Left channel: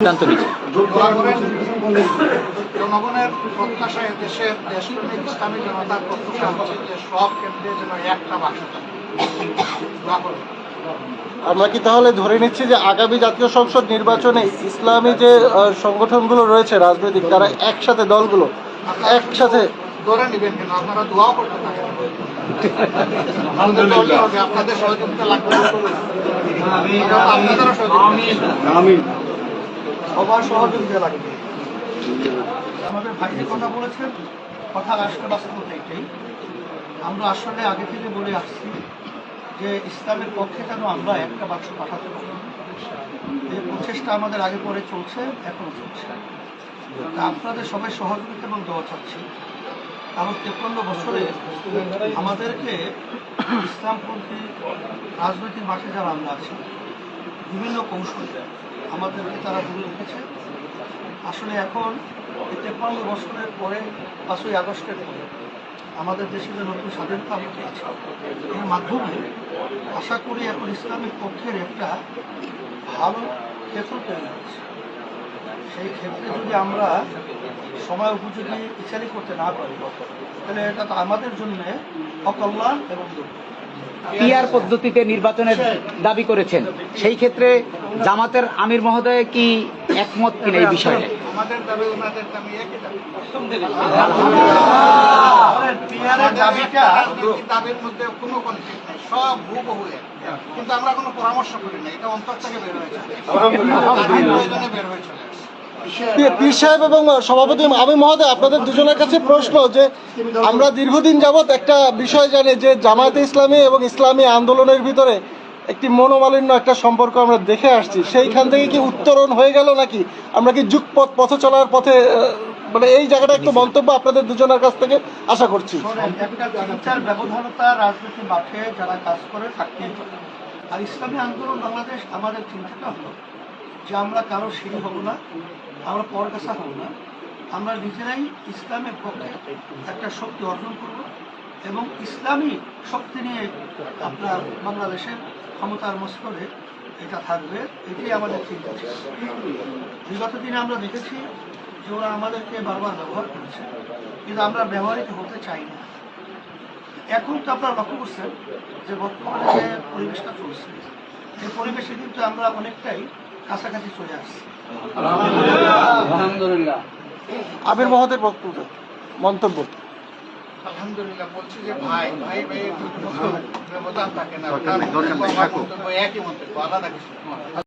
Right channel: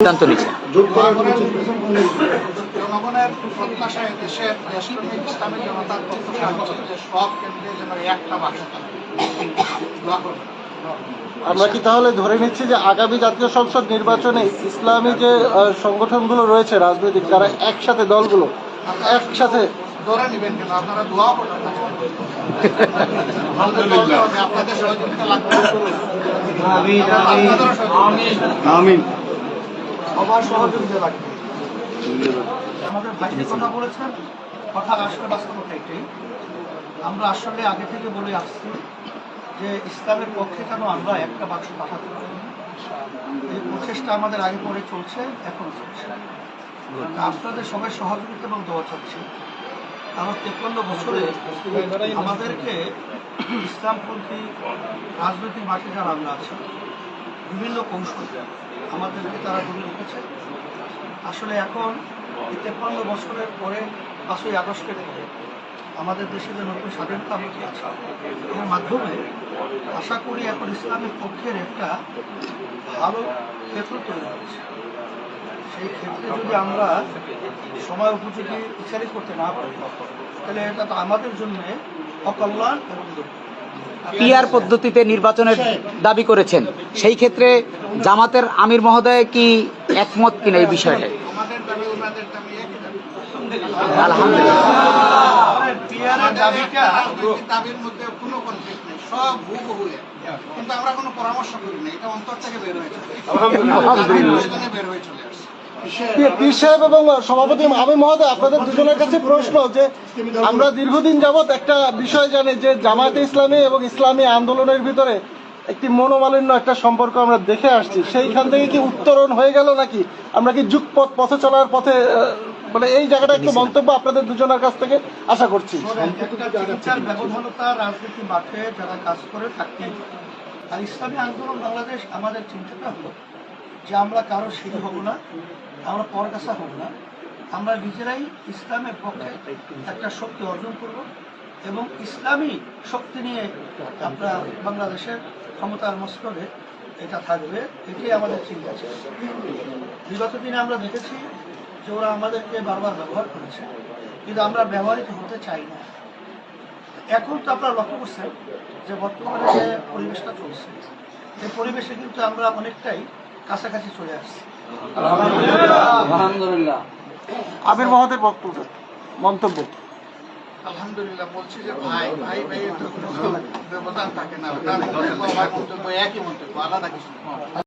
সিদ্ধান্ত নিচ্ছে। জনগণের প্রত্যাশা, দেশের দেশপ্রেমিক ইসলামী জনতার প্রত্যাশা হচ্ছে যে সব কেন্দ্রে যেন একটা বাক্স থাকে। দোয়া করবেন। আমরা কি তাহলে ধরে নিচ্ছি যে আগামী জাতীয় সংসদ নির্বাচনে ইসলামী যে সংগঠনগুলো রয়েছে রাজনৈতিক, তারা একসাথে, দলগুলো একসাথে ধরে নেবেন কেন? আপনারা দোয়া করতে থাকেন। আপনাদের সহযোগিতা লাগবে, আপনাদেরও সহযোগিতা, সবার সহযোগিতা লাগবে। আমাদের ভাইটি কথা বলেছেন, কথা আসলে বাস্তবতা এটাই। আমরা আসলে আগে থেকে বলে আসছি যে ইসলামের পক্ষে যেন আমরা একটা বাক্স পাঠাতে পারি। এই প্রচেষ্টা আমাদের আগে পরে চলছে, এখনো চলছে। আপনাদের সবাই সহযোগিতা এবং দোয়া চাচ্ছি। কারণ 53 বছরে আমাদেরকে ইসলামপন্থী রাজনৈতিক মাঠে যারা আমরা আছি, বিভিন্ন কৌশলে আমাদেরকে তারা দূরে রেখেছে। আসলে এখন 53 বছরের পরে 5ই আগস্টের পরে আমাদের দেশে যে নতুন স্বাধীনতা আমরা পেয়েছি, এর মাধ্যমে আশা করি এখন ইসলামের পক্ষের একটা ভালো ক্ষেত্র তৈরি হয়েছে। সেই ক্ষেত্রে যদি আমরা সময় উপযোগী ইচ্ছারি করতে না পারি, তাহলে এটা তো আমাদের জন্য অকল্যাণ এবং দুঃখ। পিআর পদ্ধতিতে নির্বাচনের দাবি করেছেন, সেই ক্ষেত্রে জামাতের আমির মহোদয় কি একমত কিনা এই বিষয়ে? আমাদের দাবি ওনাদের দাবি একই দাবি। দাবির মধ্যে কোনো কনফ্লিক্ট নেই, সব হুবহু এক। কিন্তু আমরা কোনো পরামর্শ করি না, এটা অন্তর থেকে বের হয়ে যায়, বের হয়ে চলে আসে। পীর সাহেব এবং সভাপতি আমির মহোদয়, আপনাদের দুজনের কাছে প্রশ্ন যে আমরা দীর্ঘদিন যাবৎ একটা বিষয় জানি যে জামায়াতে ইসলামী এবং ইসলামী আন্দোলনের ভিতরে একটি মনোমালিন্য একটা সম্পর্ক আমরা দেখে আসছি। সেইখান থেকে কি উত্তরণ হয়ে গেল নাকি আমরা কি যুগপথ পথে চলার পথে, মানে এই জায়গাটা একটু মন্তব্য আপনাদের দুজনের কাছ থেকে আশা করছি। একটা ব্যবধানতা রাজনীতি মাঠে যারা কাজ করে থাকতেই পারে। আর ইসলামী আন্দোলন বাংলাদেশ আমাদের চিন্তাটা হলো যে আমরা কারো সিঁড়ি হব না, আমরা পরগাছা হব না, আমরা নিজেরাই ইসলামের পক্ষে একটা শক্তি অর্জন করব এবং ইসলামী শক্তি নিয়ে আপনার বাংলাদেশের ক্ষমতার মস্তরে এটা থাকবে। এটাই আমাদের চিন্তা ছিল। বিগত দিনে আমরা দেখেছি যে ওরা আমাদেরকে বারবার ব্যবহার করেছে, কিন্তু আমরা ব্যবহৃত হতে চাই না। এখন তো আপনারা লক্ষ্য করছেন যে বর্তমানে যে পরিবেশটা চলছে, এই পরিবেশে কিন্তু আমরা অনেকটাই কাছাকাছি চলে আসছি। আলহামদুলিল্লাহ। আমির মহোদয়ের বক্তব্য, মন্তব্য। আলহামদুলিল্লাহ বলছি যে ভাই ভাই ভাইয়ের ব্যবধান থাকে না, ওটা মন্তব্য একই মন্তব্য, আলাদা কিছু।